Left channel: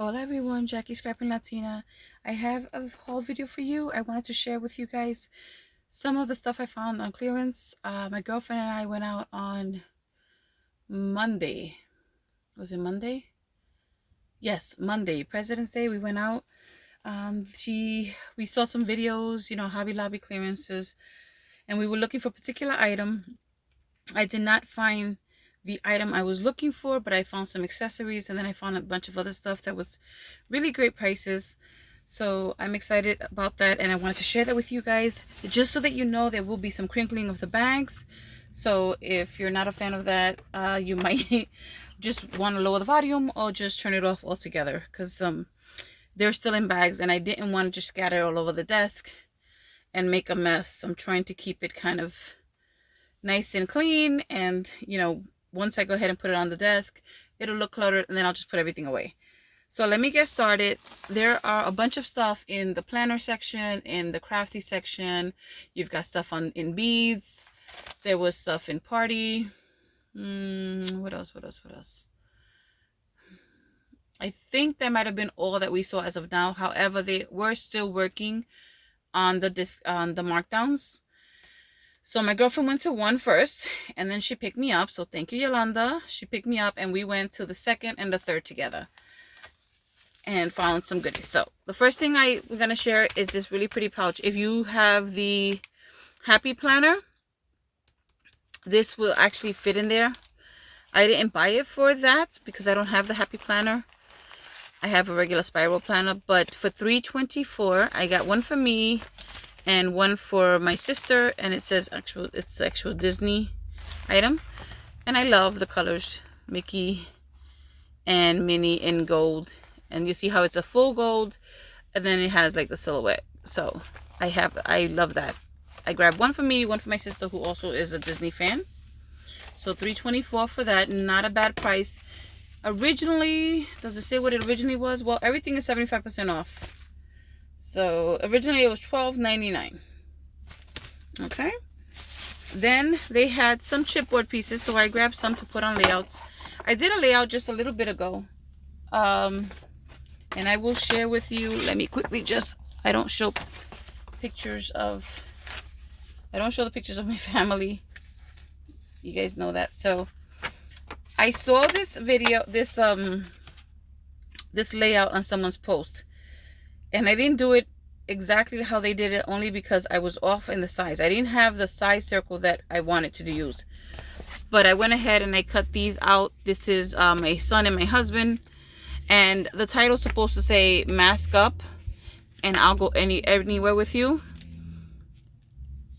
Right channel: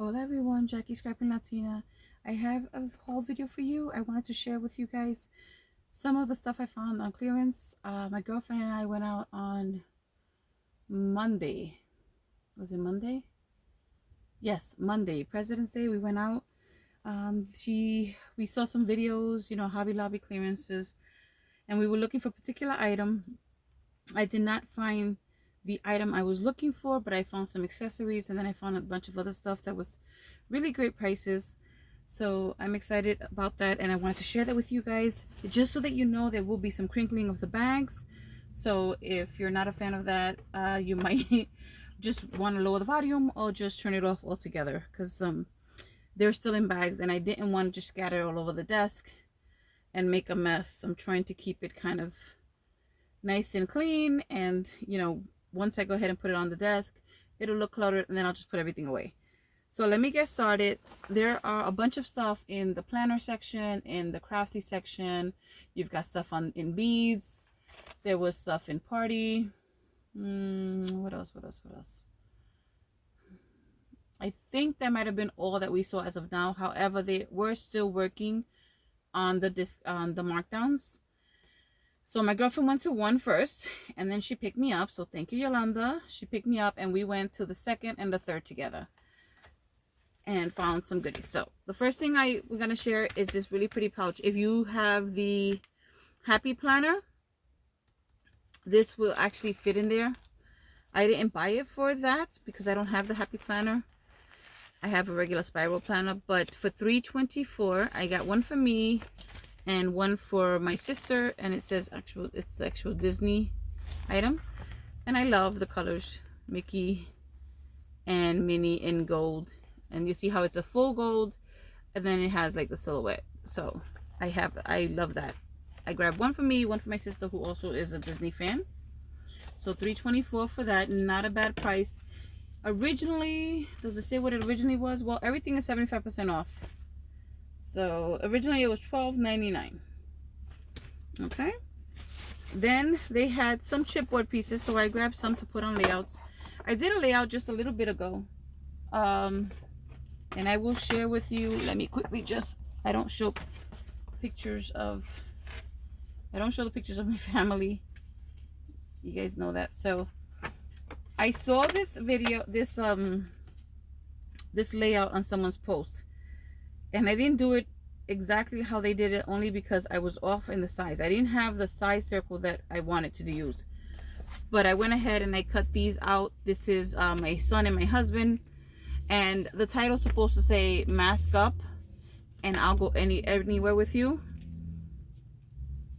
Hola everyone, Jackie Scrapping Latina. I have a haul video for you. I wanted to share with you guys some of the stuff I found on clearance. My girlfriend and I went out on Monday. Was it Monday? Yes, Monday, President's Day. We went out. We saw some videos, Hobby Lobby clearances, and we were looking for a particular item. I did not find the item I was looking for, but I found some accessories, and then I found a bunch of other stuff that was really great prices. So I'm excited about that, and I wanted to share that with you guys, just so that you know there will be some crinkling of the bags. So if you're not a fan of that, you might just want to lower the volume or just turn it off altogether, because they're still in bags, and I didn't want to just scatter all over the desk and make a mess. I'm trying to keep it kind of nice and clean, and once I go ahead and put it on the desk, it'll look cluttered, and then I'll just put everything away. So let me get started. There are a bunch of stuff in the planner section, in the crafty section. You've got stuff in beads. There was stuff in party. What else? I think that might have been all that we saw as of now. However, they were still working on the markdowns. So my girlfriend went to one first, and then she picked me up. So thank you, Yolanda. She picked me up, and we went to the second and the third together and found some goodies. So the first thing I'm going to share is this really pretty pouch. If you have the Happy Planner, this will actually fit in there. I didn't buy it for that because I don't have the Happy Planner. I have a regular spiral planner, but for $3.24, I got one for me and one for my sister, and it says it's actual Disney item, and I love the colors Mickey and Minnie in gold, and you see how it's a full gold, and then it has like the silhouette. So I love that. I grabbed one for me, one for my sister, who also is a Disney fan. So $3.24 for that. Not a bad price. Originally, does it say what it originally was? Well, everything is 75% off. So originally it was $12.99. Okay. Then they had some chipboard pieces, so I grabbed some to put on layouts. I did a layout just a little bit ago, and I will share with you. Let me quickly I don't show the pictures of my family. You guys know that. So I saw this video, this layout on someone's post, and I didn't do it exactly how they did it, only because I was off in the size. I didn't have the size circle that I wanted to use, but I went ahead and I cut these out. This is my son and my husband, and the title's supposed to say mask up and I'll go anywhere with you.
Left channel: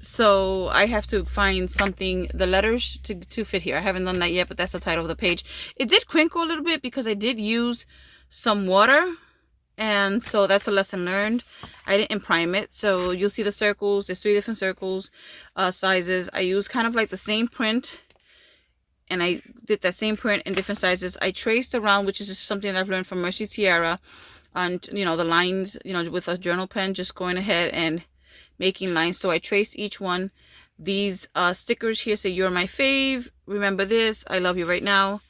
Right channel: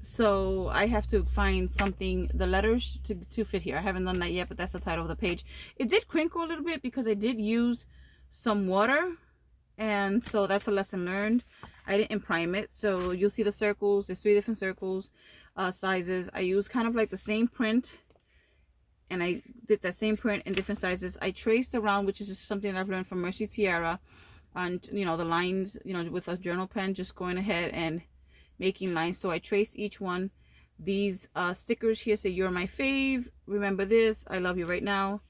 So I have to find something, the letters to fit here. I haven't done that yet, but that's the title of the page. It did crinkle a little bit because I did use some water, and so that's a lesson learned. I didn't prime it. So you'll see the circles. There's 3 different circles, sizes. I used kind of like the same print, and I did that same print in different sizes. I traced around, which is just something I've learned from Mercy Tiara, on the lines, with a journal pen, just going ahead and making lines. So I traced each one. These stickers here say "You're my fave," "Remember this," "I love you right now."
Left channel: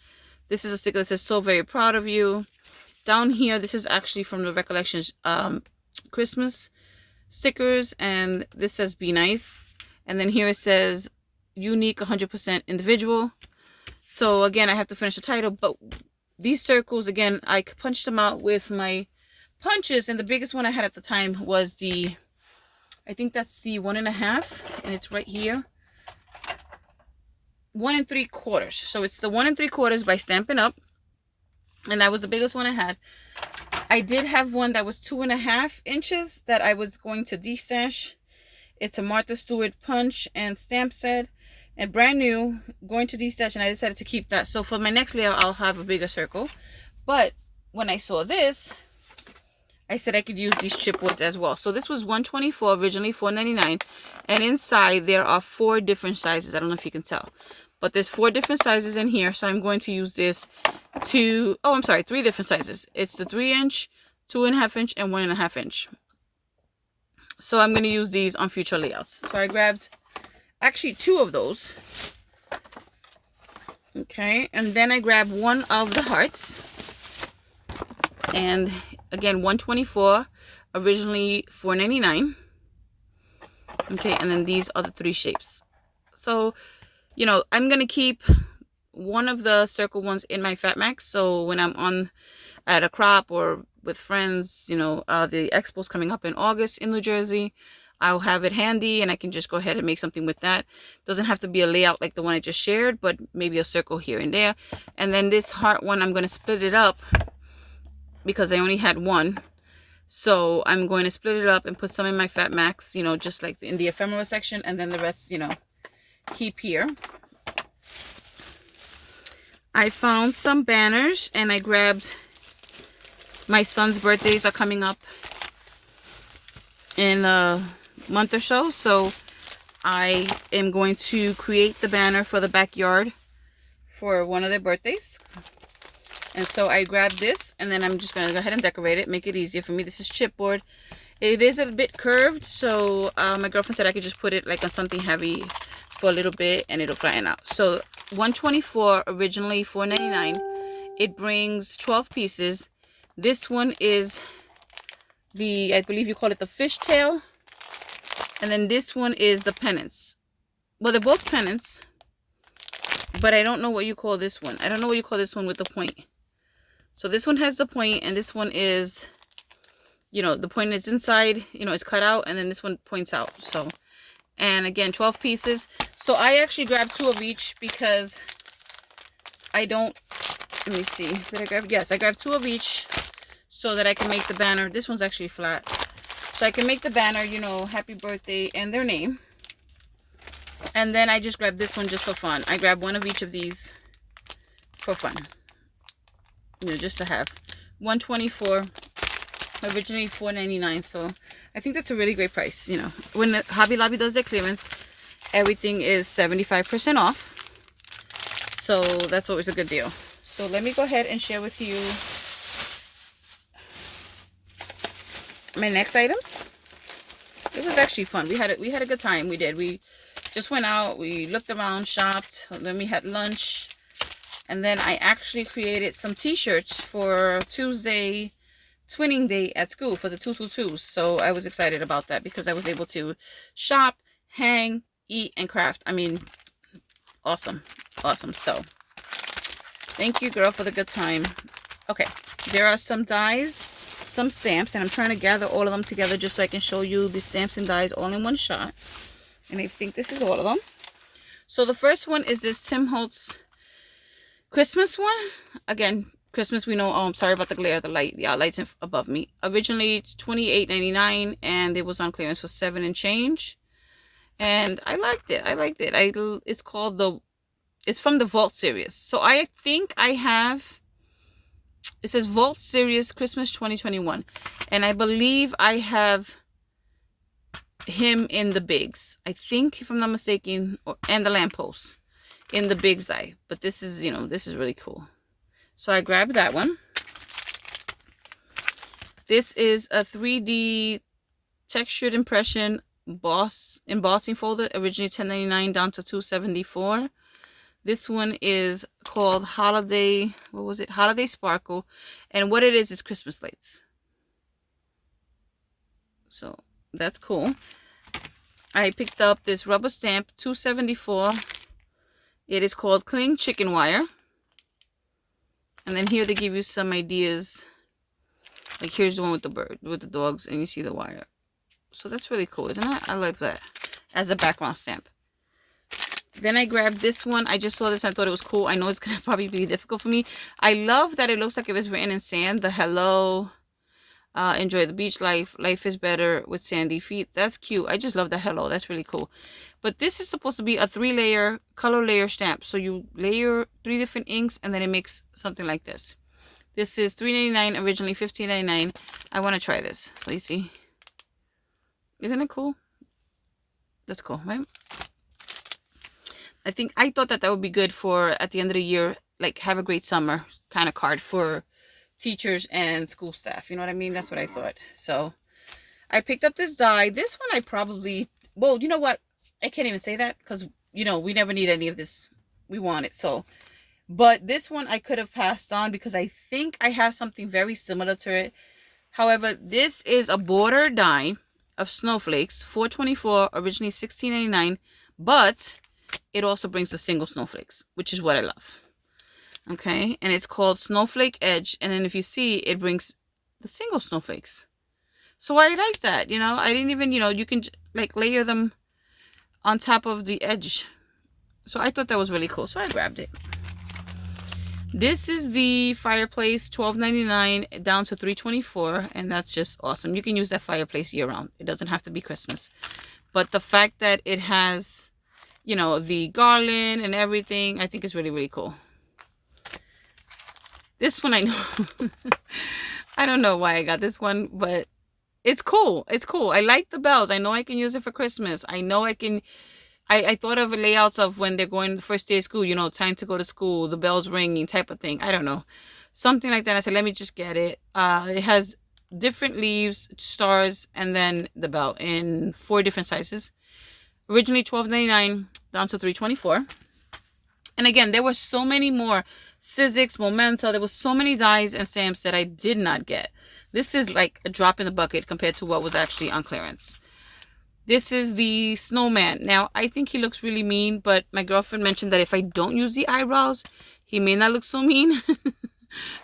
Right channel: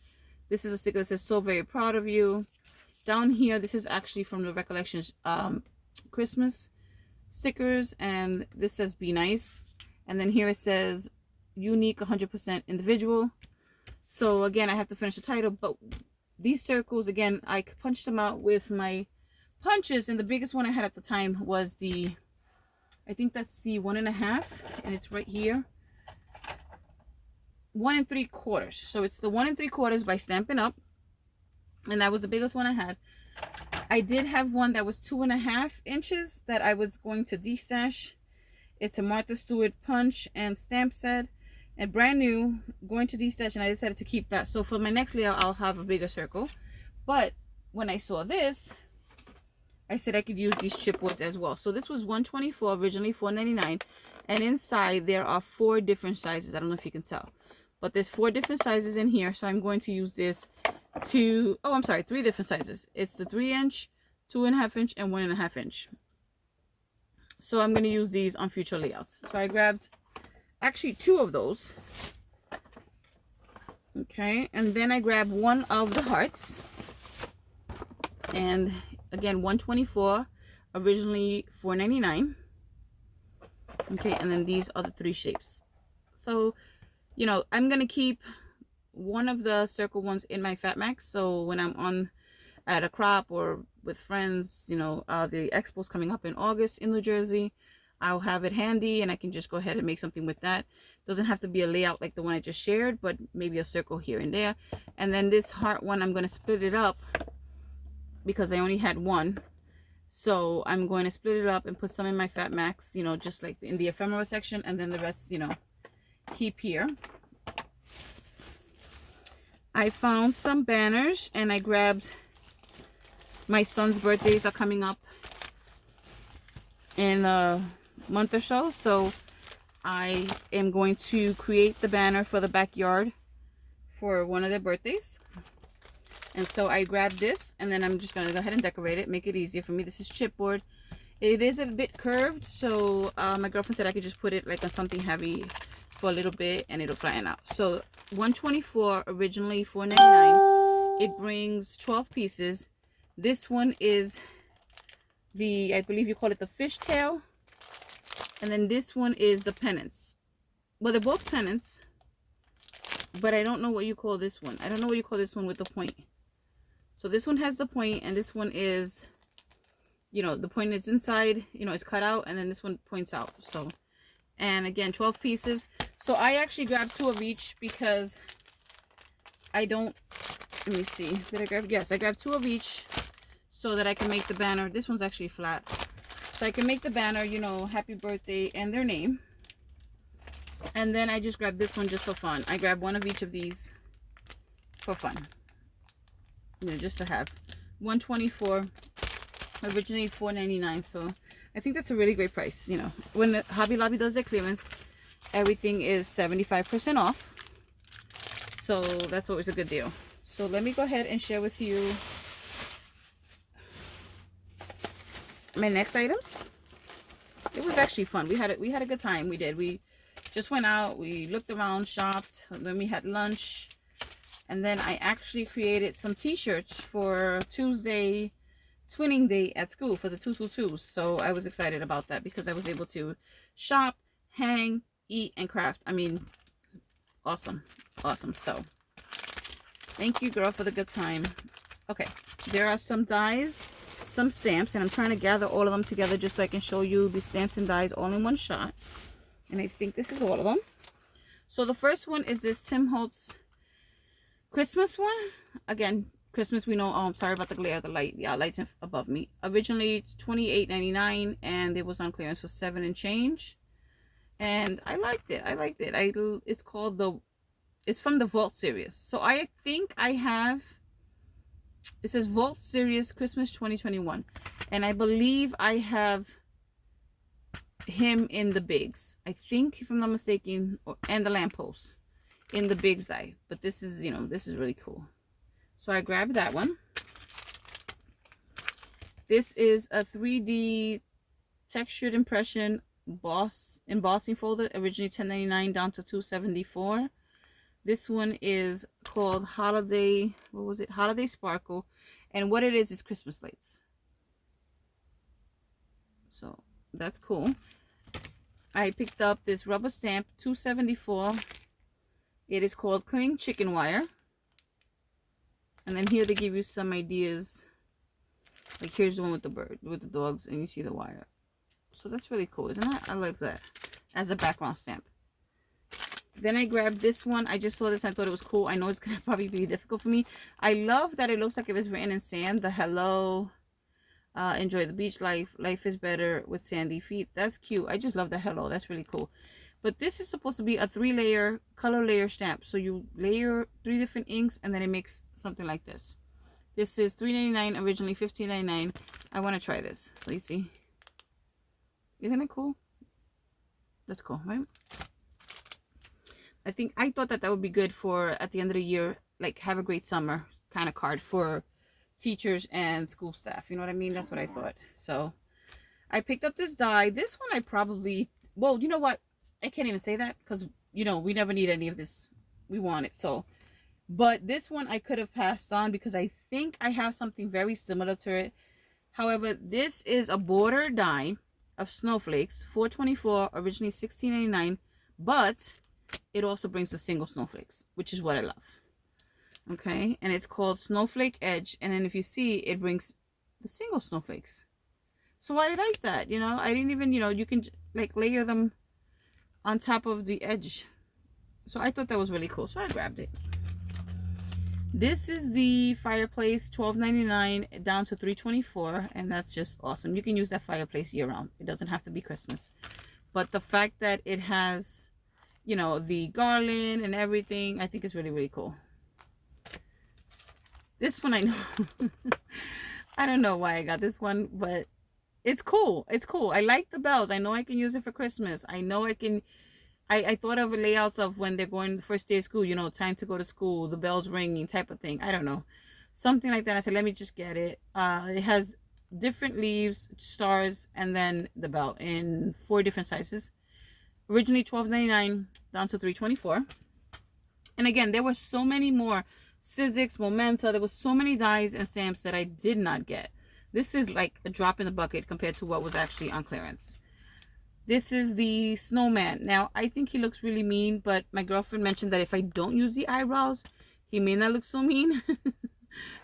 This is a sticker that says "So very proud of you." Down here, this is actually from the Recollections Christmas stickers, and this says "Be nice." And then here it says "Unique 100% individual." So again, I have to finish the title, but these circles, again, I punched them out with my punches, and the biggest one I had at the time was I think that's the 1.5, and it's right here. 1 3/4. So it's the 1 3/4 by Stampin' Up, and that was the biggest one I had. I did have one that was 2.5 inches that I was going to destash. It's a Martha Stewart punch and stamp set, and brand new, going to destash, and I decided to keep that. So for my next layout, I'll have a bigger circle. But when I saw this, I said I could use these chipboards as well. So this was $124, originally $4.99, and inside there are 4 different sizes. I don't know if you can tell, but there's 4 different sizes in here. So I'm going to use this 3 different sizes. It's the 3-inch, 2.5 inch, and 1.5 inch. So I'm going to use these on future layouts. So I grabbed actually 2 of those. Okay, and then I grabbed one of the hearts. And again, 124, originally $4.99. Okay, and then these are the 3 shapes. So, you know, I'm gonna keep one of the circle ones in my Fat Max, so when I'm on at a crop or with friends, you know, the expo's coming up in August in New Jersey, I'll have it handy and I can just go ahead and make something with that. Doesn't have to be a layout like the one I just shared, but maybe a circle here and there. And then this heart one, I'm going to split it up because I only had one. So I'm going to split it up and put some in my Fat Max, you know, just like in the ephemera section, and then the rest, you know, keep here. I found some banners and I grabbed, my son's birthdays are coming up in a month or so, so I am going to create the banner for the backyard for one of their birthdays. And so I grabbed this, and then I'm just going to go ahead and decorate it, make it easier for me. This is chipboard. It is a bit curved, so my girlfriend said I could just put it like on something heavy for a little bit and it'll flatten out. So 124, originally $4.99. It brings 12 pieces. This one is the, I believe you call it the fishtail. And then this one is the pennants. Well, they're both pennants, but I don't know what you call this one. I don't know what you call this one with the point. So this one has the point, and this one is, you know, the point is inside, you know, it's cut out, and then this one points out. So, and again, 12 pieces. So I actually grabbed 2 of each because I don't, let me see, did I grab, yes, I grabbed 2 of each so that I can make the banner. This one's actually flat. So I can make the banner, you know, happy birthday and their name. And then I just grabbed this one just for fun. I grabbed 1 of each of these for fun. You know, just to have. 124, originally $4.99. So I think that's a really great price. You know, when Hobby Lobby does their clearance, everything is 75% off. So that's always a good deal. So let me go ahead and share with you my next items. It was actually fun. We had a good time. We did. We just went out, we looked around, shopped, then we had lunch, and then I actually created some t-shirts for Tuesday twinning day at school for the 222s. So I was excited about that because I was able to shop, hang, eat, and craft. I mean, awesome. So thank you, girl, for the good time. Okay, there are some dies, some stamps, and I'm trying to gather all of them together just so I can show you the stamps and dies all in one shot. And I think this is all of them. So the first one is this Tim Holtz Christmas one. Again, Christmas, we know. Oh, I'm sorry about the glare, the light. Yeah, light's above me. Originally $28.99, and it was on clearance for $7 and change. And I liked it. It's called it's from the Vault series. So I think I have, it says Vault series Christmas 2021. And I believe I have him in the bigs, I think, if I'm not mistaken, and the lamppost in the bigs die. But this is, you know, this is really cool. So I grabbed that one. This is a 3D textured impression embossing folder, originally $10.99 down to $2.74. This one is called Holiday, what was it? Holiday Sparkle. And what it is Christmas lights. So that's cool. I picked up this rubber stamp, $2.74. It is called Cling Chicken Wire. And then here they give you some ideas. Like here's the one with the bird, with the dogs, and you see the wire. So that's really cool, isn't it? I like that as a background stamp. Then I grabbed this one. I just saw this and I thought it was cool. I know it's going to probably be difficult for me. I love that it looks like it was written in sand. The hello, enjoy the beach life. Life is better with sandy feet. That's cute. I just love that hello. That's really cool. But this is supposed to be a 3-layer color layer stamp. So you layer 3 different inks and then it makes something like this. This is $3.99, originally $15.99. I want to try this. So you see. Isn't it cool? That's cool, right? I thought that would be good for at the end of the year, like have a great summer kind of card for teachers and school staff. You know what I mean? That's what I thought. So I picked up this die. This one I probably, well, you know what? I can't even say that because, you know, we never need any of this. We want it. So But this one I could have passed on because I think I have something very similar to it. However, this is a border die of snowflakes, 424, originally 16.99, but it also brings the single snowflakes, which is what I love. Okay, and it's called Snowflake Edge, and then if you see, it brings the single snowflakes. So I like that, you know. I didn't even, you know, you can like layer them on top of the edge. So I thought that was really cool, so I grabbed it. This is the fireplace, $12.99 down to $3.24, and that's just awesome. You can use that fireplace year round. It doesn't have to be Christmas. But the fact that it has, you know, the garland and everything, I think is really, really cool. This one I know. I don't know why I got this one, but it's cool. It's cool. I like the bells. I know I can use it for Christmas. I know I can. I thought of layouts of when they're going the first day of school, you know, time to go to school, the bells ringing type of thing. I don't know. Something like that. I said, let me just get it. It has different leaves, stars, and then the bell in 4 different sizes. Originally $12.99 down to $3.24. And again, there were so many more. Sizzix, Momenta. There was so many dies and stamps that I did not get. This is like a drop in the bucket compared to what was actually on clearance. This is the snowman. Now, I think he looks really mean, but my girlfriend mentioned that if I don't use the eyebrows, he may not look so mean.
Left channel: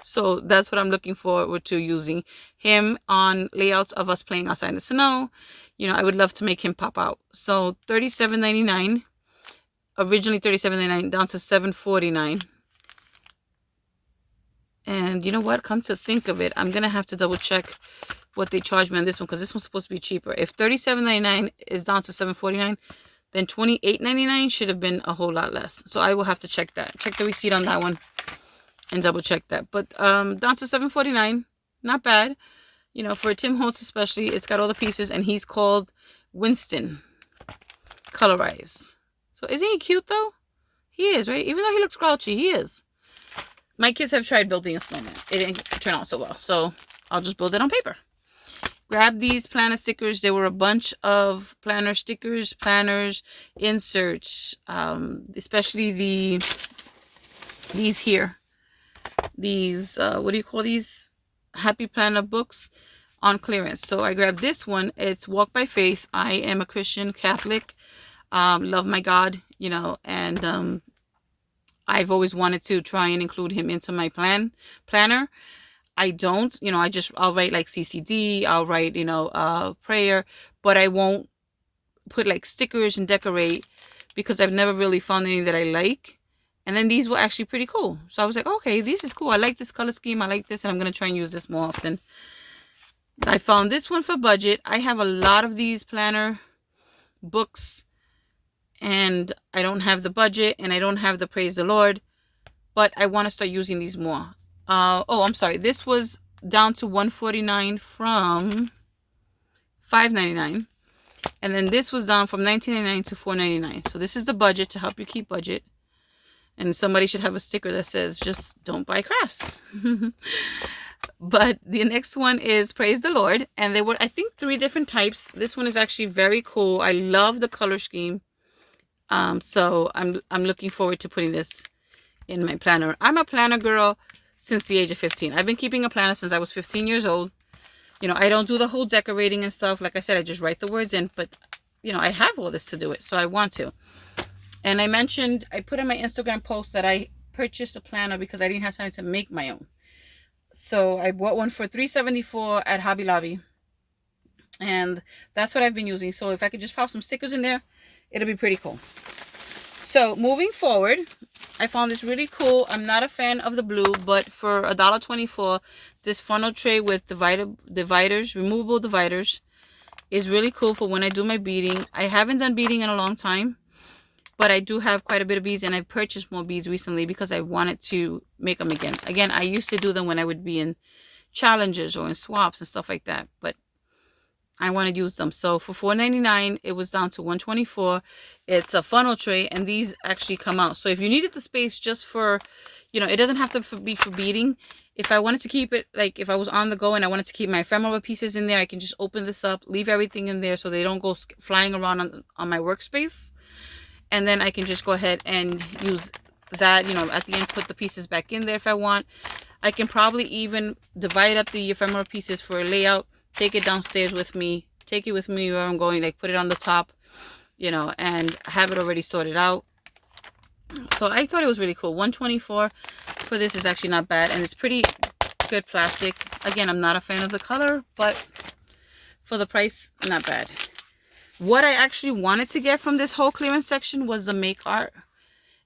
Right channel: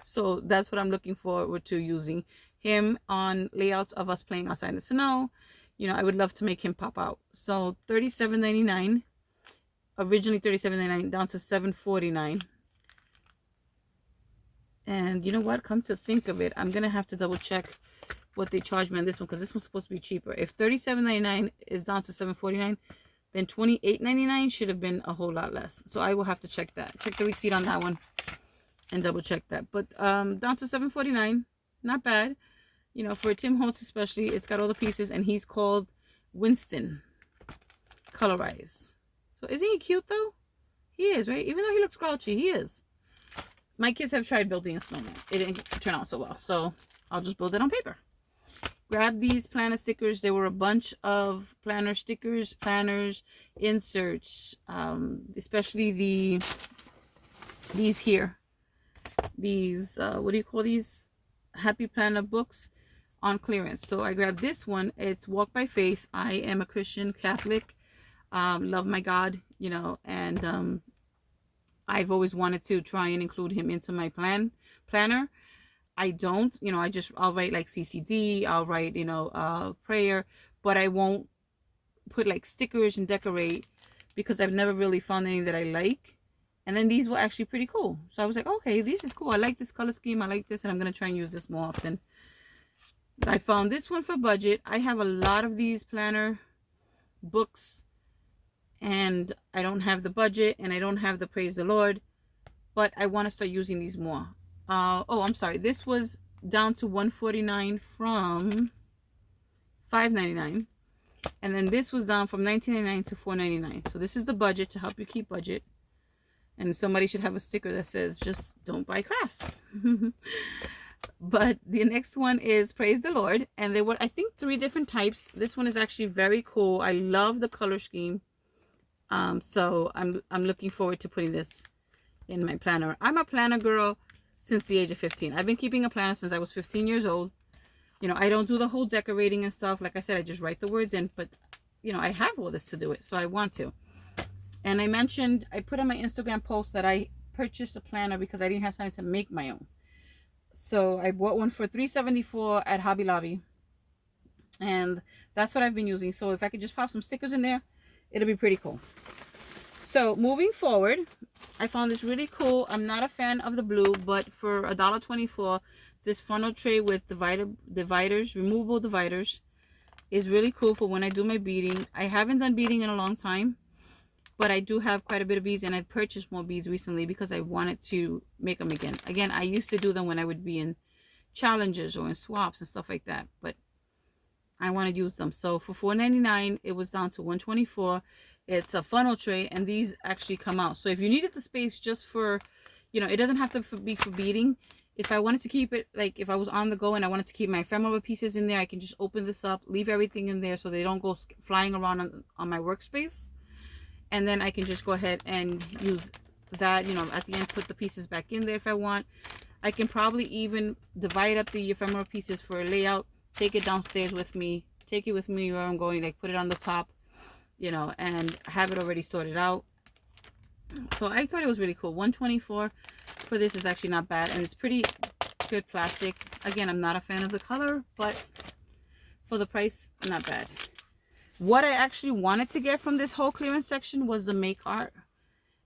So that's what I'm looking forward to, using him on layouts of us playing outside in the snow. You know, I would love to make him pop out. So $37.99. Originally $37.99 down to $7.49. And you know what? Come to think of it, I'm going to have to double check what they charge me on this one, because this one's supposed to be cheaper. If $37.99 is down to $7.49, then $28.99 should have been a whole lot less. So I will have to check that. Check the receipt on that one and double check that. But down to $7.49, not bad. You know, for Tim Holtz especially, it's got all the pieces, and he's called Winston Colorize. So isn't he cute though? He is, right? Even though he looks grouchy, he is. My kids have tried building a snowman. It didn't turn out so well, so I'll just build it on paper. Grab these planner stickers. There were a bunch of planner stickers, planners, inserts, especially these here. These, what do you call these? Happy Planner books on clearance. So I grabbed this one. It's Walk by Faith. I am a Christian Catholic. Love my God, you know, and I've always wanted to try and include him into my planner. I don't, you know, I'll write like CCD, I'll write, you know, prayer, but I won't put like stickers and decorate, because I've never really found any that I like. And then these were actually pretty cool. So I was like, okay, this is cool. I like this color scheme. I like this, and I'm going to try and use this more often. I found this one for budget. I have a lot of these planner books, and I don't have the budget, and I don't have the Praise the Lord, but I want to start using these more. Oh, I'm sorry. This was down to $149 from $5.99. And then this was down from $19.99 to $4.99. So this is the budget, to help you keep budget. And somebody should have a sticker that says, just don't buy crafts. But the next one is Praise the Lord. And there were, I think, 3 different types. This one is actually very cool. I love the color scheme. So I'm looking forward to putting this in my planner. I'm a planner girl since the age of 15. I've been keeping a planner since I was 15 years old. You know, I don't do the whole decorating and stuff. Like I said, I just write the words in, but you know, I have all this to do it, so I want to. And I mentioned, I put on my Instagram post that I purchased a planner because I didn't have time to make my own. So I bought one for $3.74 at Hobby Lobby. And that's what I've been using. So if I could just pop some stickers in there, it'll be pretty cool. So moving forward, I found this really cool. I'm not a fan of the blue, but for $1.24, this funnel tray with dividers, removable dividers, is really cool for when I do my beading. I haven't done beading in a long time, but I do have quite a bit of beads, and I've purchased more beads recently because I wanted to make them again. Again, I used to do them when I would be in challenges or in swaps and stuff like that, but I want to use them. So for $4.99, it was down to $1.24. It's a funnel tray, and these actually come out. So if you needed the space just for, you know, it doesn't have to be for beading. If I wanted to keep it, like if I was on the go and I wanted to keep my ephemera pieces in there, I can just open this up, leave everything in there so they don't go flying around on my workspace. And then I can just go ahead and use that, you know, at the end, put the pieces back in there if I want. I can probably even divide up the ephemeral pieces for a layout, take it downstairs with me, take it with me where I'm going, like put it on the top, you know, and have it already sorted out. So I thought it was really cool. $124 for this is actually not bad, and it's pretty good plastic. Again, I'm not a fan of the color, but for the price, not bad. What I actually wanted to get from this whole clearance section was the Make Art.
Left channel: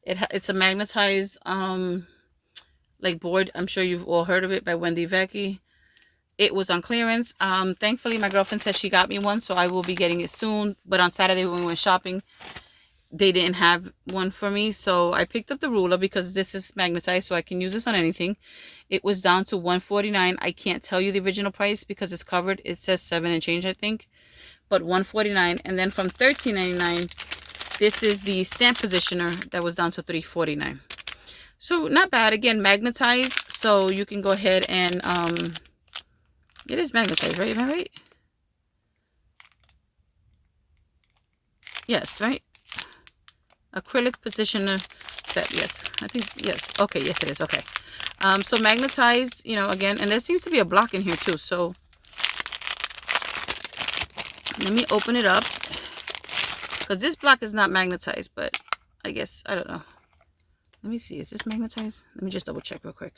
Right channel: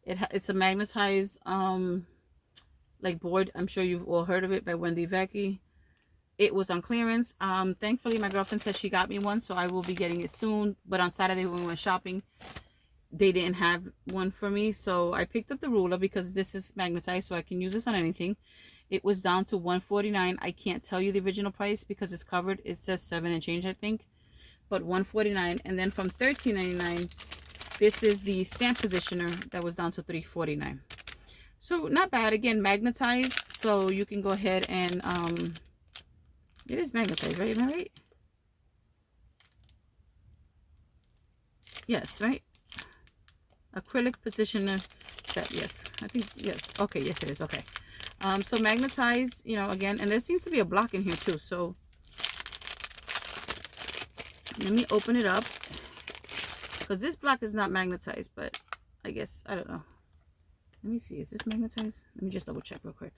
It's a magnetized like board. I'm sure you've all heard of it, by Wendy Vecchi. It was on clearance. Thankfully my girlfriend said she got me one, so I will be getting it soon. But on Saturday when we went shopping, they didn't have one for me, so I picked up the ruler because this is magnetized, so I can use this on anything. It was down to $149. I can't tell you the original price because it's covered. It says 7 and change, I think, but $149. And then from $13.99, this is the stamp positioner that was down to $349. So not bad. Again, magnetized, so you can go ahead and it is magnetized, right? Am I right? Yes, right? Acrylic positioner set. Yes, I think, yes. Okay, yes it is. Okay. So magnetized, you know, again, and there seems to be a block in here too, so let me open it up, because this block is not magnetized, but I guess, I don't know. Let me see, is this magnetized? Let me just double check real quick,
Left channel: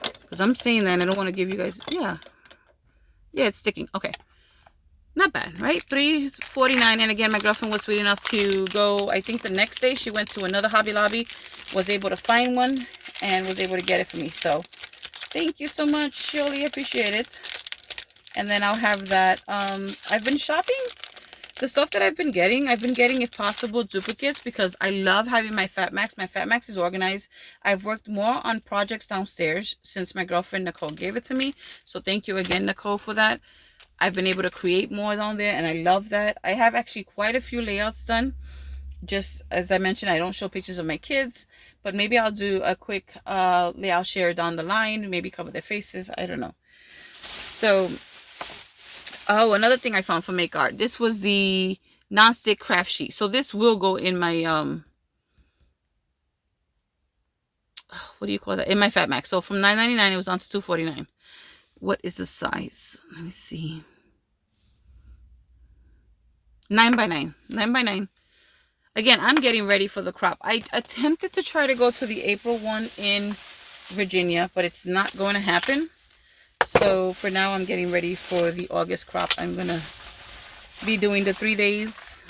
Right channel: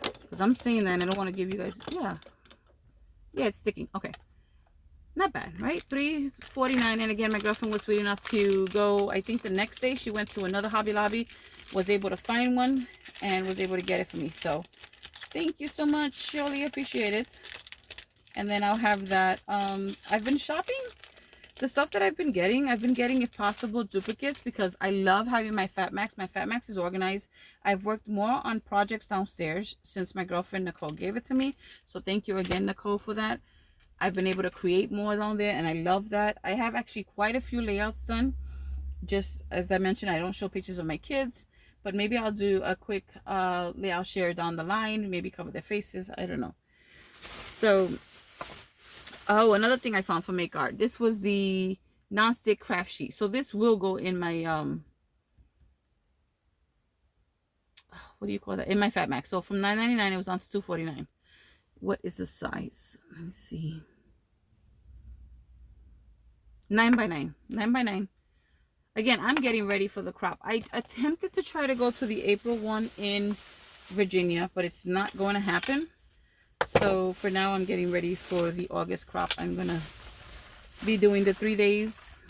because I'm saying that and I don't want to give you guys, yeah, it's sticking. Okay, not bad, right? $349. And again, my girlfriend was sweet enough to go, I think the next day she went to another Hobby Lobby, was able to find one, and was able to get it for me. So thank you so much, Shirley, appreciate it. And then I'll have that. I've been shopping the stuff that I've been getting, if possible, duplicates, because I love having my Fat Max. My Fat Max is organized. I've worked more on projects downstairs since my girlfriend Nicole gave it to me, so thank you again, Nicole, for that. I've been able to create more down there, and I love that. I have actually quite a few layouts done. Just as I mentioned, I don't show pictures of my kids, but maybe I'll do a quick layout share down the line, maybe cover their faces, I don't know. So, oh, another thing I found for Make Art, this was the non-stick craft sheet. So this will go in my what do you call that, in my Fat Max. So from $9.99 it was on to $2.49. What is the size? Let me see. 9x9. 9x9. Again, I'm getting ready for the crop. I attempted to try to go to the April one in Virginia, but it's not going to happen. So for now, I'm getting ready for the August crop. I'm going to be doing the 3 days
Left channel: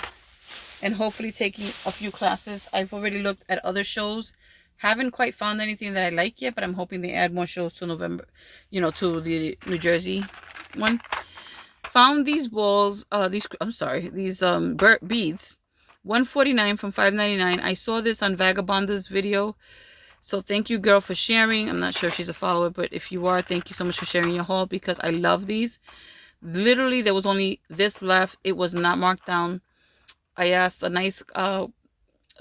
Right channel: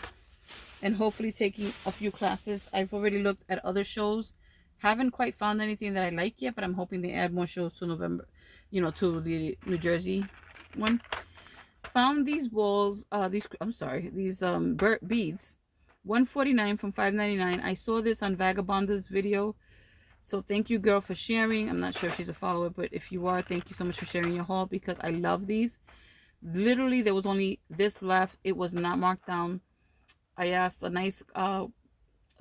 and hopefully taking a few classes. I've already looked at other shows. Haven't quite found anything that I like yet, but I'm hoping they add more shows to November, you know, to the New Jersey one. Found these balls, these beads, $149 from $5.99. I saw this on Vagabonda's video, so thank you, girl, for sharing. I'm not sure if she's a follower, but if you are, thank you so much for sharing your haul, because I love these. Literally, there was only this left. It was not marked down. I asked a nice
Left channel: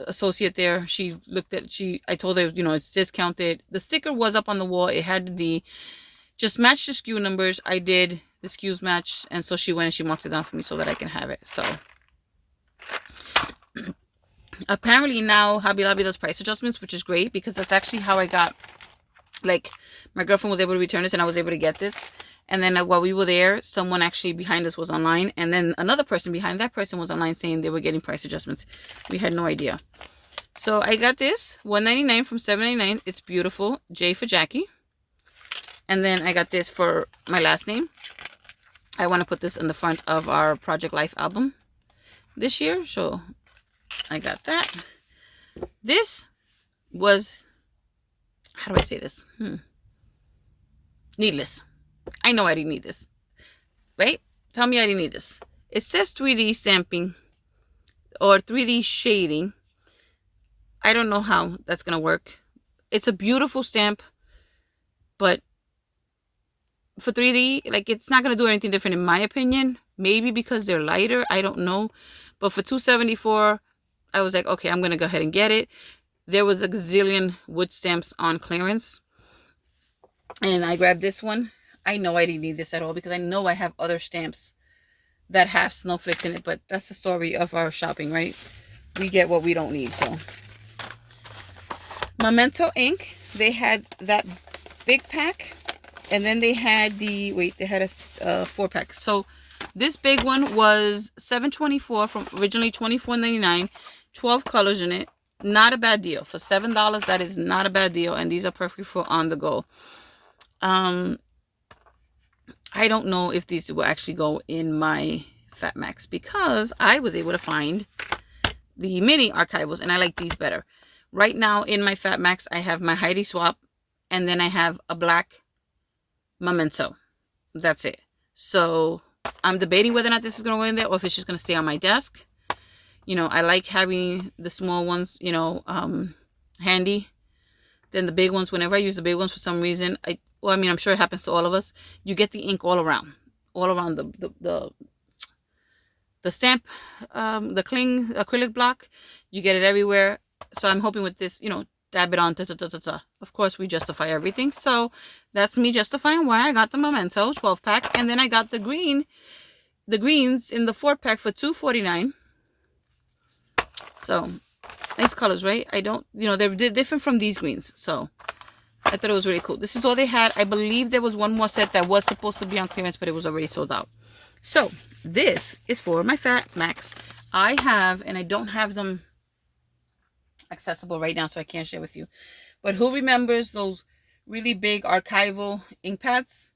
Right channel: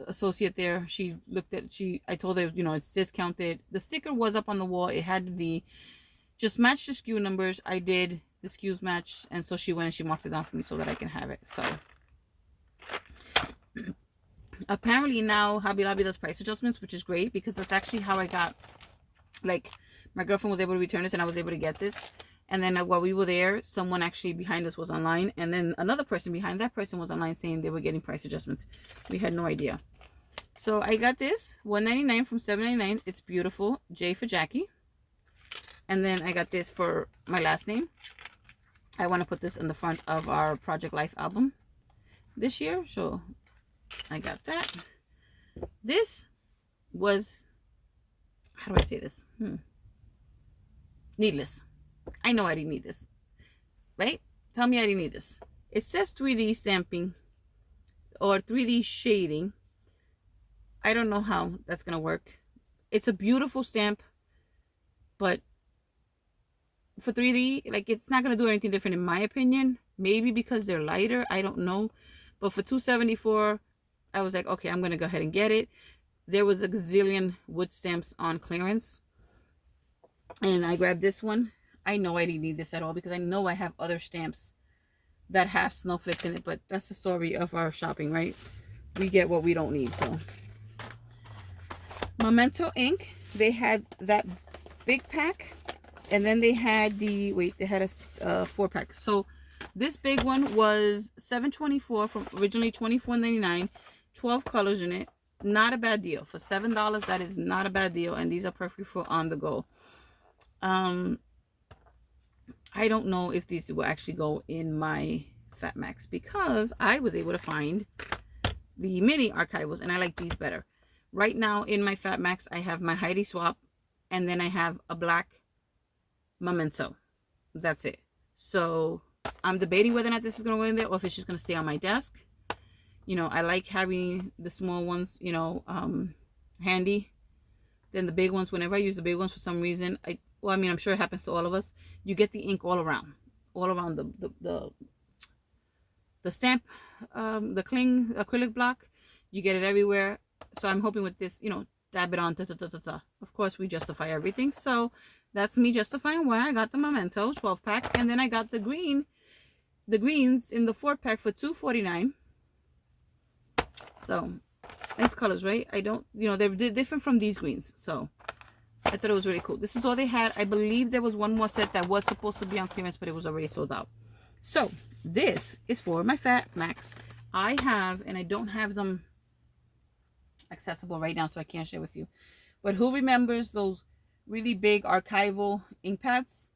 associate there. She looked at, I told her, you know, it's discounted. The sticker was up on the wall. It had the, just match the SKU numbers. I did the SKUs match, and so she went and she marked it down for me so that I can have it. So apparently now Hobby Lobby does price adjustments, which is great, because that's actually how I got, like, my girlfriend was able to return this and I was able to get this. And then while we were there, someone actually behind us was online, and then another person behind that person was online saying they were getting price adjustments. We had no idea. So I got this $1.99 from $7.99. It's beautiful. J for Jackie. And then I got this for my last name. I want to put this in the front of our Project Life album this year, so I got that. This was, how do I say this? Needless. I know I didn't need this, right? Tell me I didn't need this. It says 3D stamping or 3D shading. I don't know how that's gonna work. It's a beautiful stamp, but for 3D, like, it's not gonna do anything different in my opinion. Maybe because they're lighter, I don't know. But for $2.74, I was like, okay, I'm gonna go ahead and get it. There was a gazillion wood stamps on clearance, and I grabbed this one. I know I didn't need this at all, because I know I have other stamps that have snowflakes in it, but that's the story of our shopping, right? We get what we don't need. So Memento ink. They had that big pack, and then they had the, wait, they had a 4-pack. So this big one was $7.24 from originally $24.99. 12 colors in it. Not a bad deal for $7. That is not a bad deal, and these are perfect for on the go. I don't know if these will actually go in my Fat Max, because I was able to find the mini archivals, and I like these better. Right now in my Fat Max, I have my Heidi Swap, and then I have a black Memento. That's it. So I'm debating whether or not this is going to go in there, or if it's just going to stay on my desk. You know, I like having the small ones, you know, handy. Then the big ones, whenever I use the big ones for some reason, well, I mean, I'm sure it happens to all of us. You get the ink all around the stamp, the cling acrylic block. You get it everywhere. So I'm hoping with this, you know, dab it on. Of course, we justify everything. So that's me justifying why I got the Memento 12-pack, and then I got the greens in the 4-pack for $2.49. So nice colors, right? I don't, you know, they're different from these greens. So I thought it was really cool. This is all they had. I believe there was one more set that was supposed to be on clearance, but it was already sold out. So this is for my Fat Max. I have, and I don't have them accessible right now, so I can't share with you. But who remembers those really big archival ink pads?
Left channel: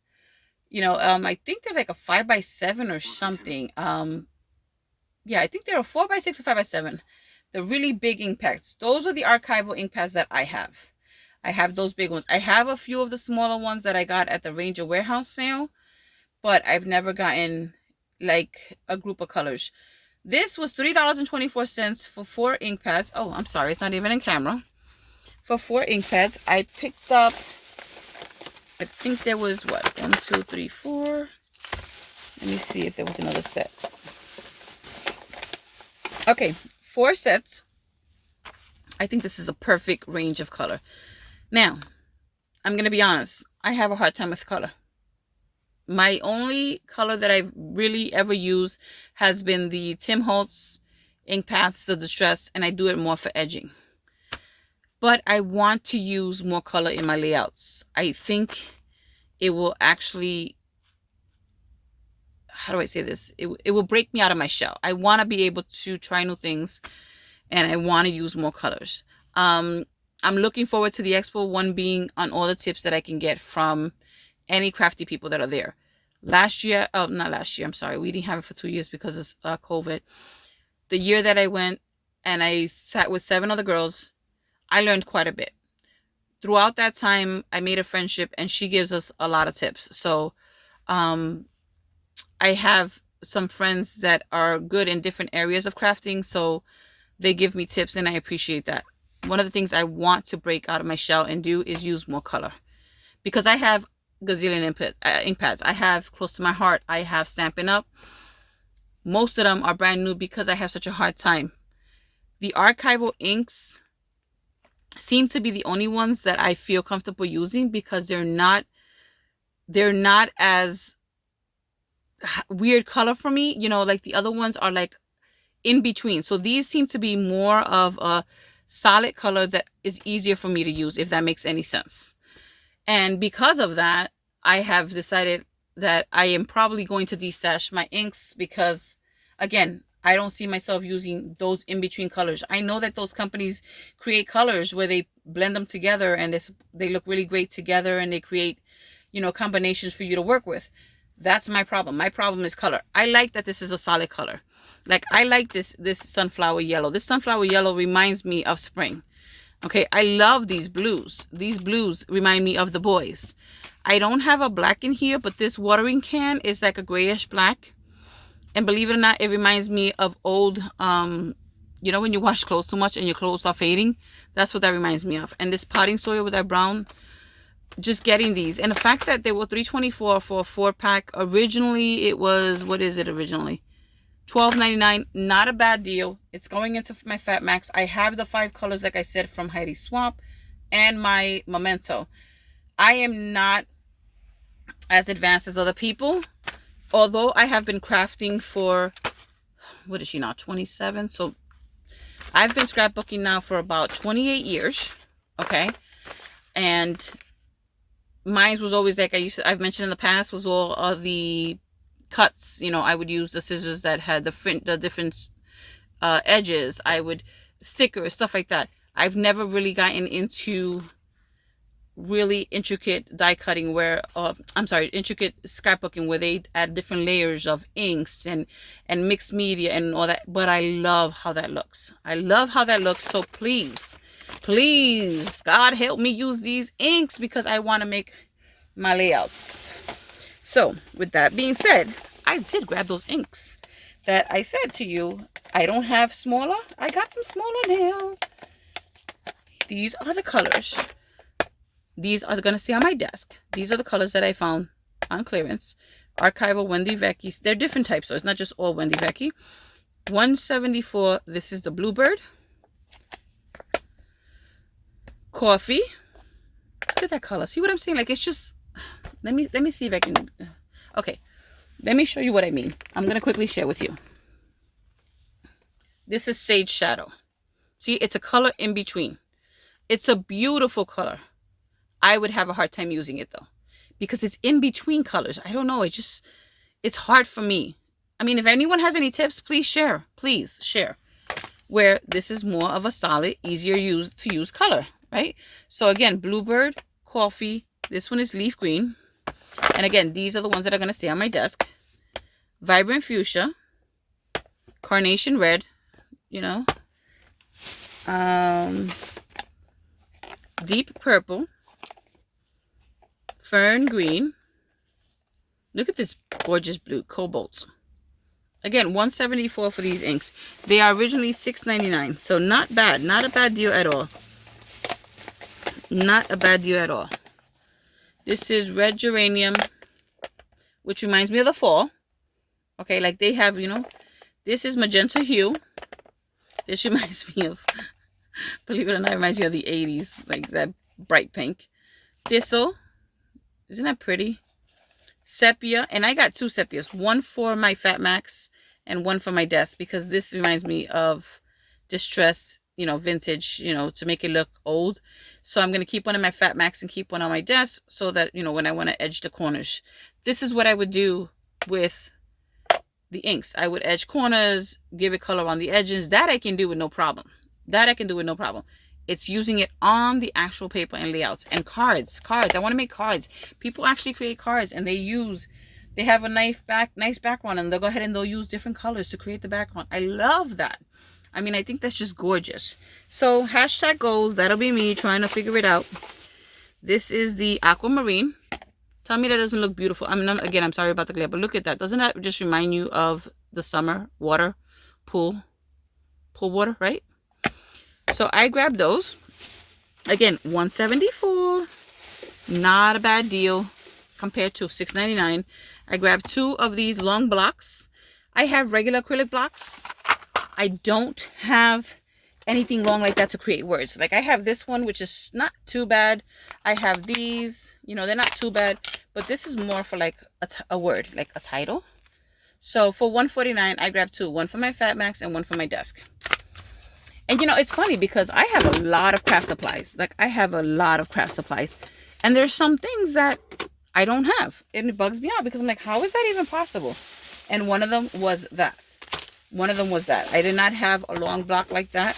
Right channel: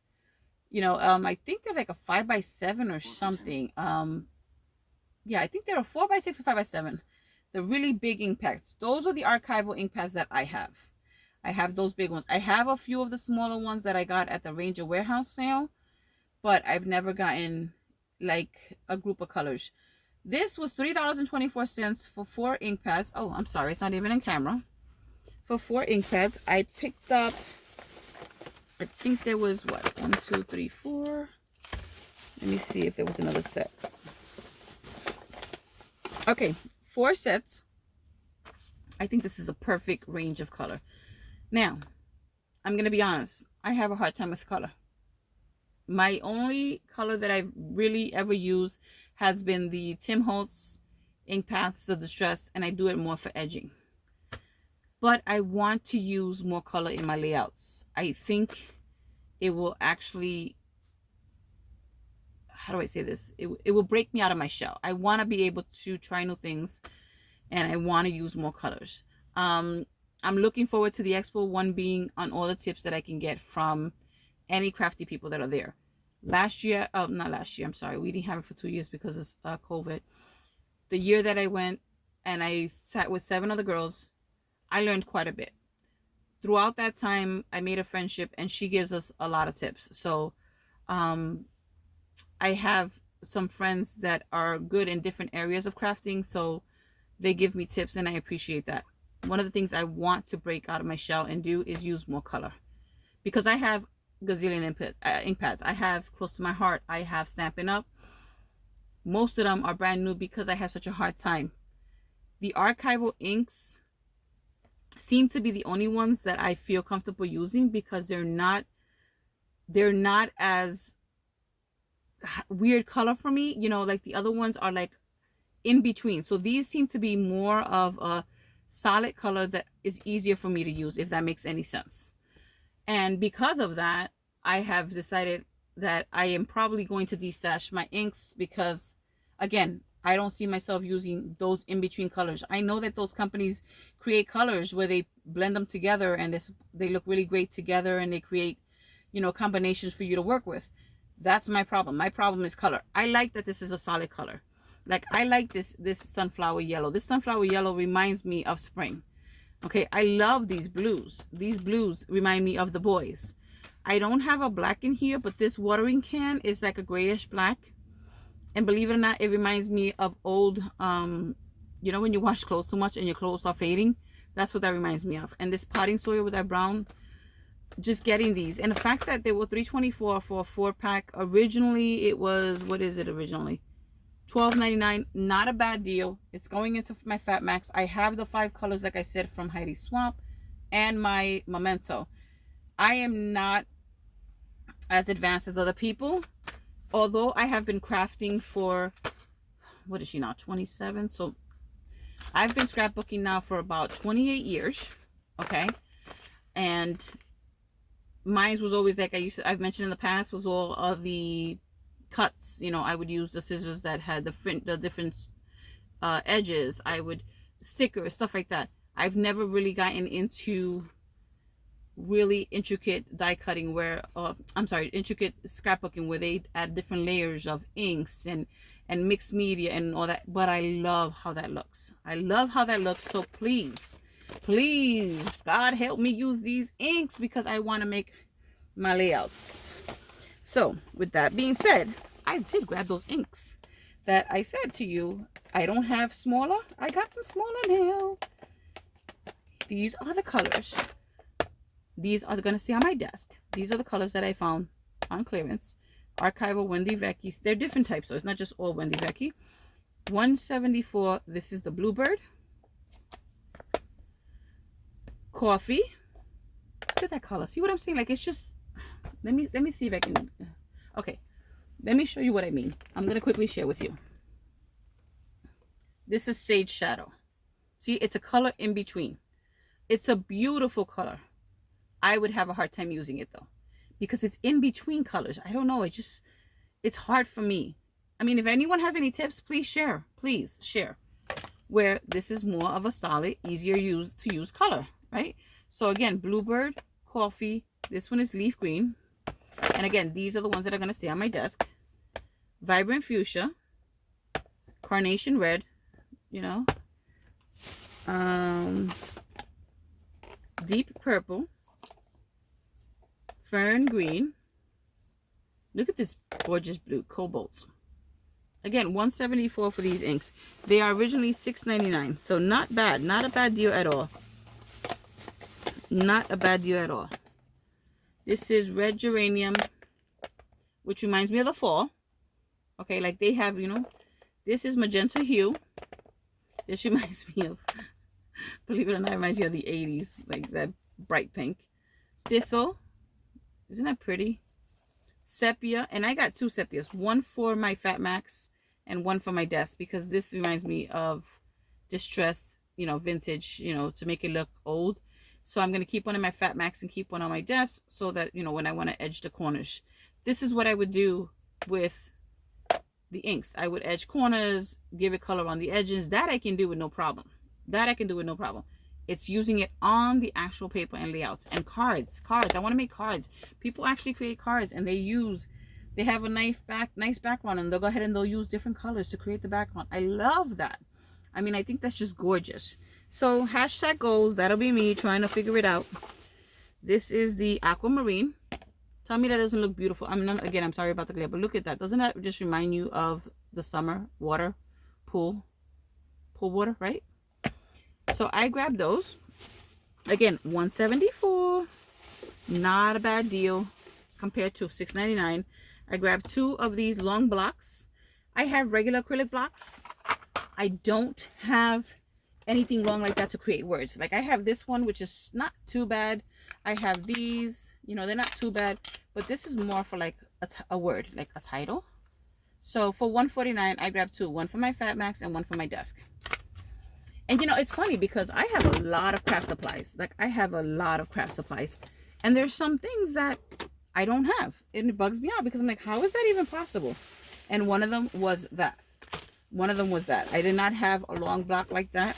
You know, I think they're like a 5x7 or something. Yeah, I think they're a 4x6 or 5x7. The really big ink pads. Those are the archival ink pads that I have. I have those big ones. I have a few of the smaller ones that I got at the Ranger Warehouse sale, but I've never gotten like a group of colors. This was $3.24 for 4 ink pads. Oh, I'm sorry, it's not even in camera. For 4 ink pads, I picked up, I think there was what, 1, 2, 3, 4. Let me see if there was another set. Okay, 4 sets. I think this is a perfect range of color. Now, I'm going to be honest. I have a hard time with color. My only color that I've really ever used has been the Tim Holtz ink pads, the Distress, and I do it more for edging. But I want to use more color in my layouts. I think it will actually, how do I say this? It will break me out of my shell. I want to be able to try new things, and I want to use more colors. I'm looking forward to the expo, one being on all the tips that I can get from any crafty people that are there. Last year, oh, not last year, I'm sorry. We didn't have it for 2 years because of COVID. The year that I went and I sat with 7 other girls, I learned quite a bit. Throughout that time, I made a friendship, and she gives us a lot of tips. So I have some friends that are good in different areas of crafting, so they give me tips, and I appreciate that. One of the things I want to break out of my shell and do is use more color, because I have gazillion ink pads. I have Close to My Heart. I have Stampin' Up. Most of them are brand new because I have such a hard time. The archival inks seem to be the only ones that I feel comfortable using, because they're not as weird color for me. You know, like the other ones are like in between. So these seem to be more of a solid color that is easier for me to use, if that makes any sense. And because of that, I have decided that I am probably going to destash my inks, because again, I don't see myself using those in-between colors. I know that those companies create colors where they blend them together, and they look really great together, and they create, you know, combinations for you to work with. That's my problem. My problem is color. I like that this is a solid color. Like, I like this sunflower yellow. This sunflower yellow reminds me of spring. Okay, I love these blues. These blues remind me of the boys. I don't have a black in here, but this watering can is like a grayish black. And believe it or not, it reminds me of old, you know, when you wash clothes too much and your clothes are fading. That's what that reminds me of. And this potting soil with that brown, just getting these. And the fact that they were $3.24 for a 4-pack. Originally, it was, what is it originally? $12.99. Not a bad deal. It's going into my Fat Max. I have the 5 colors, like I said, from Heidi Swap and my Memento. I am not as advanced as other people, although I have been crafting for, what is she now, 27? So I've been scrapbooking now for about 28 years. Okay. And mine was always like I've mentioned in the past, was all of the cuts. You know, I would use the scissors that had the different edges. I would stickers, stuff like that. I've never really gotten into really intricate die cutting where intricate scrapbooking where they add different layers of inks and mixed media and all that, but I love how that looks. I love how that looks. So please God help me use these inks because I want to make my layouts. So with that being said, I did grab those inks that I said to you I don't have smaller. I got them smaller now. These are the colors. These are going to stay on my desk. These are the colors that I found on clearance. Archival Wendy Vecchi. They're different types, so it's not just all Wendy Vecchi. 174. This is the Bluebird. Coffee. Look at that color. See what I'm saying? Like, it's just... Let me see if I can... Okay. Let me show you what I mean. I'm going to quickly share with you. This is Sage Shadow. See, it's a color in between. It's a beautiful color. I would have a hard time using it though, because it's in between colors. I don't know. It's hard for me. I mean, if anyone has any tips, please share. Please share. Where this is more of a solid, easier to use color, right? So again, Bluebird, Coffee. This one is Leaf Green. And again, these are the ones that are going to stay on my desk. Vibrant Fuchsia. Carnation Red, you know. Deep Purple. Fern Green. Look at this gorgeous blue. Cobalt. Again, $174 for these inks. They are originally $6.99. So not bad. Not a bad deal at all. Not a bad deal at all. This is Red Geranium, which reminds me of the fall. Okay, like they have, you know. This is Magenta Hue. This reminds me of, believe it or not, it reminds me of the 80s. Like that bright pink. Thistle. Isn't that pretty? Sepia. And I got two sepias. One for my Fat Max and one for my desk. Because this reminds me of distress, you know, vintage, you know, to make it look old. So I'm going to keep one in my Fat Max and keep one on my desk. So that, you know, when I want to edge the corners. This is what I would do with the inks. I would edge corners. Give it color on the edges. That I can do with no problem. That I can do with no problem. It's using it on the actual paper and layouts. And cards. I want to make cards. People actually create cards and they have a nice background and they'll go ahead and they'll use different colors to create the background. I love that. I mean, I think that's just gorgeous. So, hashtag goals. That'll be me trying to figure it out. This is the Aquamarine. Tell me that doesn't look beautiful. I mean, again, I'm sorry about the glare, but look at that. Doesn't that just remind you of the summer water, pool water, right? So I grabbed those. Again, $174. Not a bad deal compared to $6.99. I grabbed two of these long blocks. I have regular acrylic blocks. I don't have anything long like that to create words. Like I have this one, which is not too bad. I have these, you know, they're not too bad. But this is more for like a word, like a title. So for $149, I grabbed two. One for my Fat Max and one for my desk. And, you know, it's funny because I have a lot of craft supplies. Like, I have a lot of craft supplies. And there's some things that I don't have. And it bugs me out because I'm like, how is that even possible? And one of them was that. I did not have a long block like that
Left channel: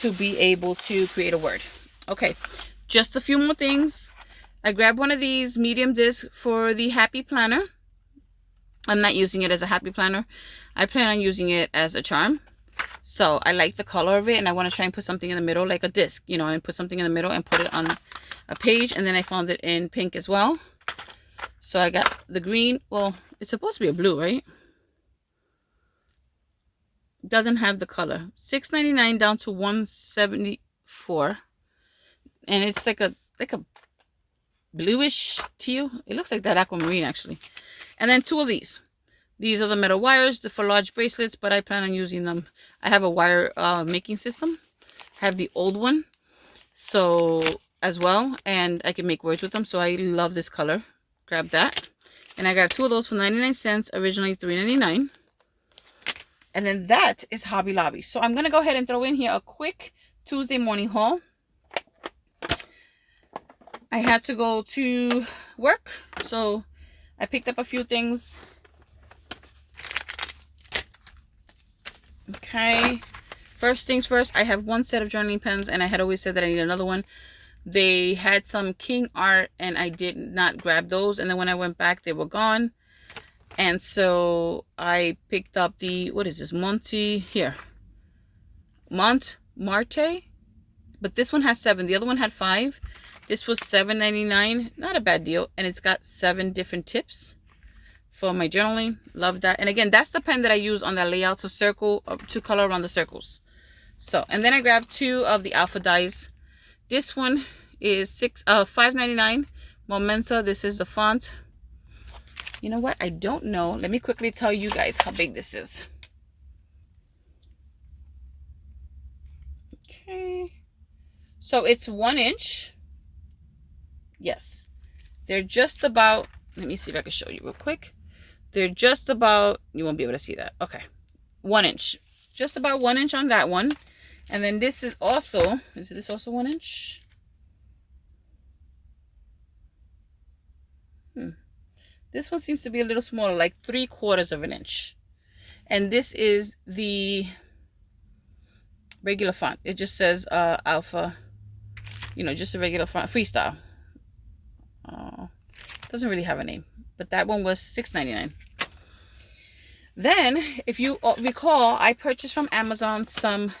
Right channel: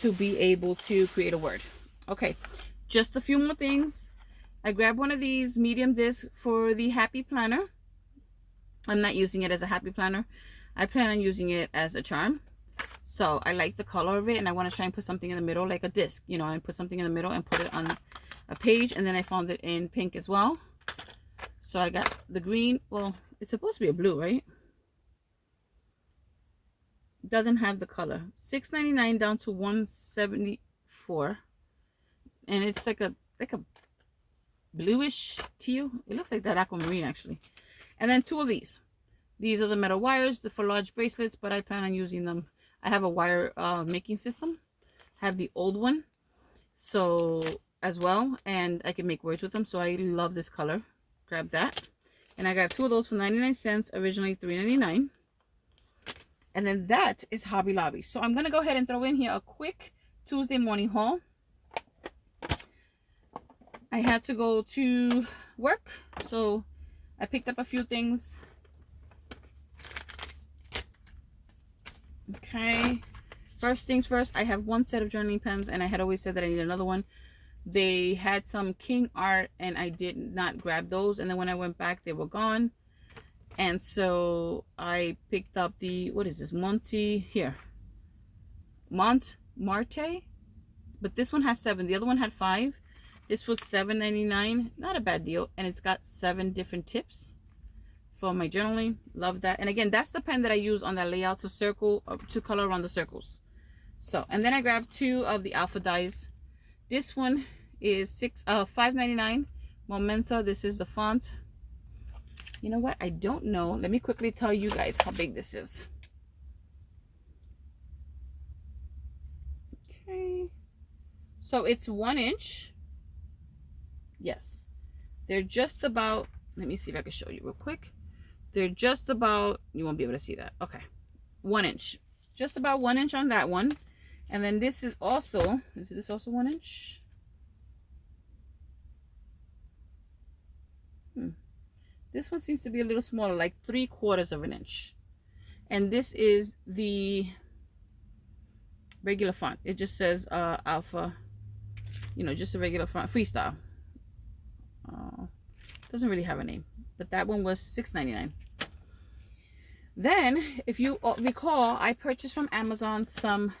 to be able to create a word. Okay, just a few more things. I grabbed one of these medium discs for the Happy Planner. I'm not using it as a Happy Planner. I plan on using it as a charm. So I like the color of it and I want to try and put something in the middle like a disc, you know, and put something in the middle and put it on a page. And then I found it in pink as well. So I got the green. Well, it's supposed to be a blue, right? Doesn't have the color. $6.99 down to $174. And it's like a bluish teal. It looks like that aquamarine actually. And then two of these. These are the metal wires for large bracelets, but I plan on using them. I have a wire making system. I have the old one, so as well, and I can make words with them. So I love this color. Grab that, and I grabbed two of those for 99 cents. Originally $3.99. And then that is Hobby Lobby. So I'm gonna go ahead and throw in here a quick Tuesday morning haul. I had to go to work, so I picked up a few things. Okay, first things first, I have one set of journaling pens, and I had always said that I need another one. They had some King art, and I did not grab those, and then when I went back, they were gone. And so I picked up the, what is this, Montmarte, but this one has 7. The other one had 5. This was $7.99. Not a bad deal, and it's got 7 different tips for my journaling. Love that. And again, that's the pen that I use on that layout to circle, to color around the circles. So, and then I grabbed 2 of the alpha dies. This one is $5.99. Momenta. This is the font. You know what? I don't know. Let me quickly tell you guys how big this is. Okay. So it's 1 inch. Yes. They're just about, let me see if I can show you real quick. They're just about, you won't be able to see that. Okay. 1 inch. Just about 1 inch on that one. And then this is also, is this also 1 inch? This one seems to be a little smaller, like 3/4 of an inch. And this is the regular font. It just says alpha, you know, just a regular font, freestyle. Doesn't really have a name, but that one was $6.99. Then, if you recall, I purchased from Amazon some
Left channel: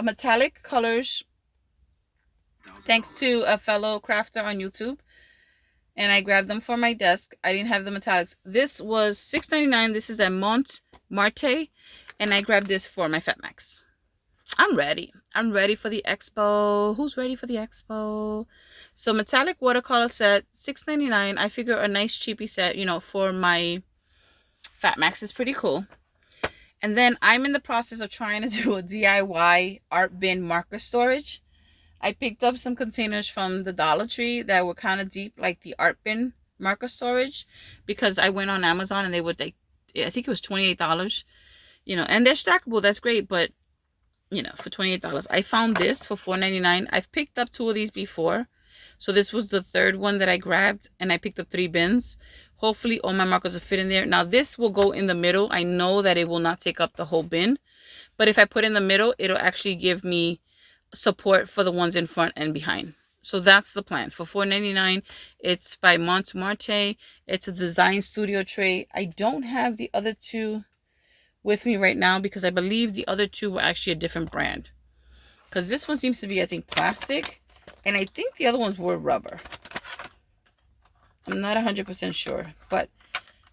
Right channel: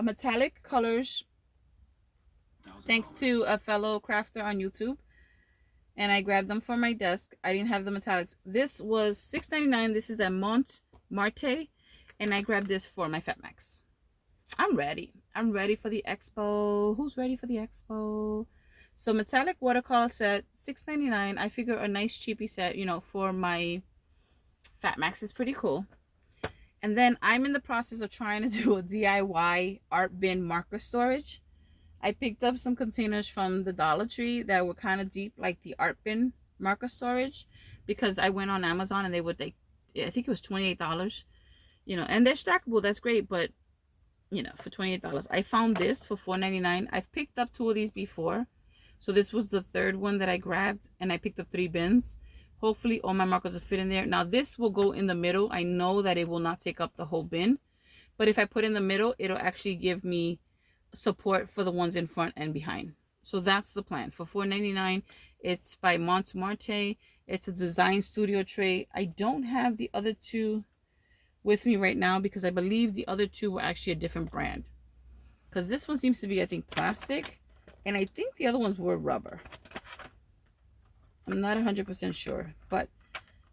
metallic colors, thanks to a fellow crafter on YouTube, and I grabbed them for my desk. I didn't have the metallics. This was $6.99. This is the Montmarte, and I grabbed this for my Fatmax. I'm ready. I'm ready for the expo. Who's ready for the expo? So metallic watercolor set, $6.99. I figure a nice cheapy set, you know, for my Fatmax is pretty cool. And then I'm in the process of trying to do a DIY art bin marker storage. I picked up some containers from the Dollar Tree that were kind of deep, like the art bin marker storage, because I went on Amazon and they would, like, I think it was $28, you know, and they're stackable. That's great, but you know, for $28. I found this for $4.99. I've picked up 2 of these before, so this was the 3rd one that I grabbed, and I picked up 3 bins. Hopefully all my markers will fit in there. Now this will go in the middle. I know that it will not take up the whole bin, but if I put in the middle, it'll actually give me support for the ones in front and behind. So that's the plan. For $4.99, it's by Montmarte. It's a design studio tray. I don't have the other 2 with me right now because I believe the other 2 were actually a different brand. Because this one seems to be, I think, plastic, and I think the other ones were rubber. I'm not 100% sure, but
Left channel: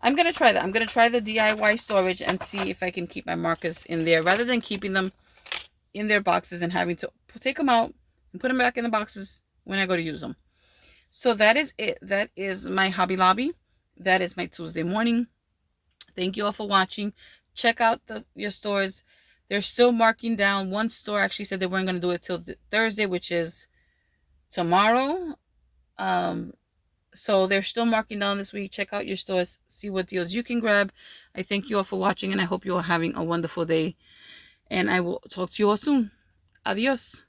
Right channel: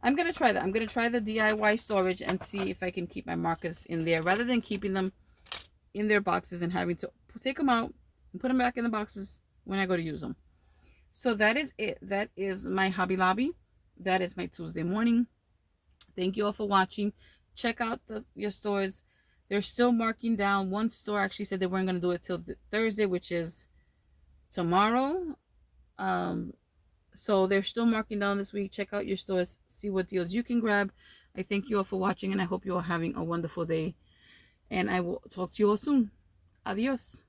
I'm going to try that. I'm going to try the DIY storage and see if I can keep my markers in there rather than keeping them in their boxes and having to take them out and put them back in the boxes when I go to use them. So that is it. That is my Hobby Lobby. That is my Tuesday morning. Thank you all for watching. Check out your stores. They're still marking down. One store actually said they weren't going to do it till Thursday, which is tomorrow. So they're still marking down this week. Check out your stores. See what deals you can grab. I thank you all for watching, and I hope you are having a wonderful day. And I will talk to you all soon. Adios.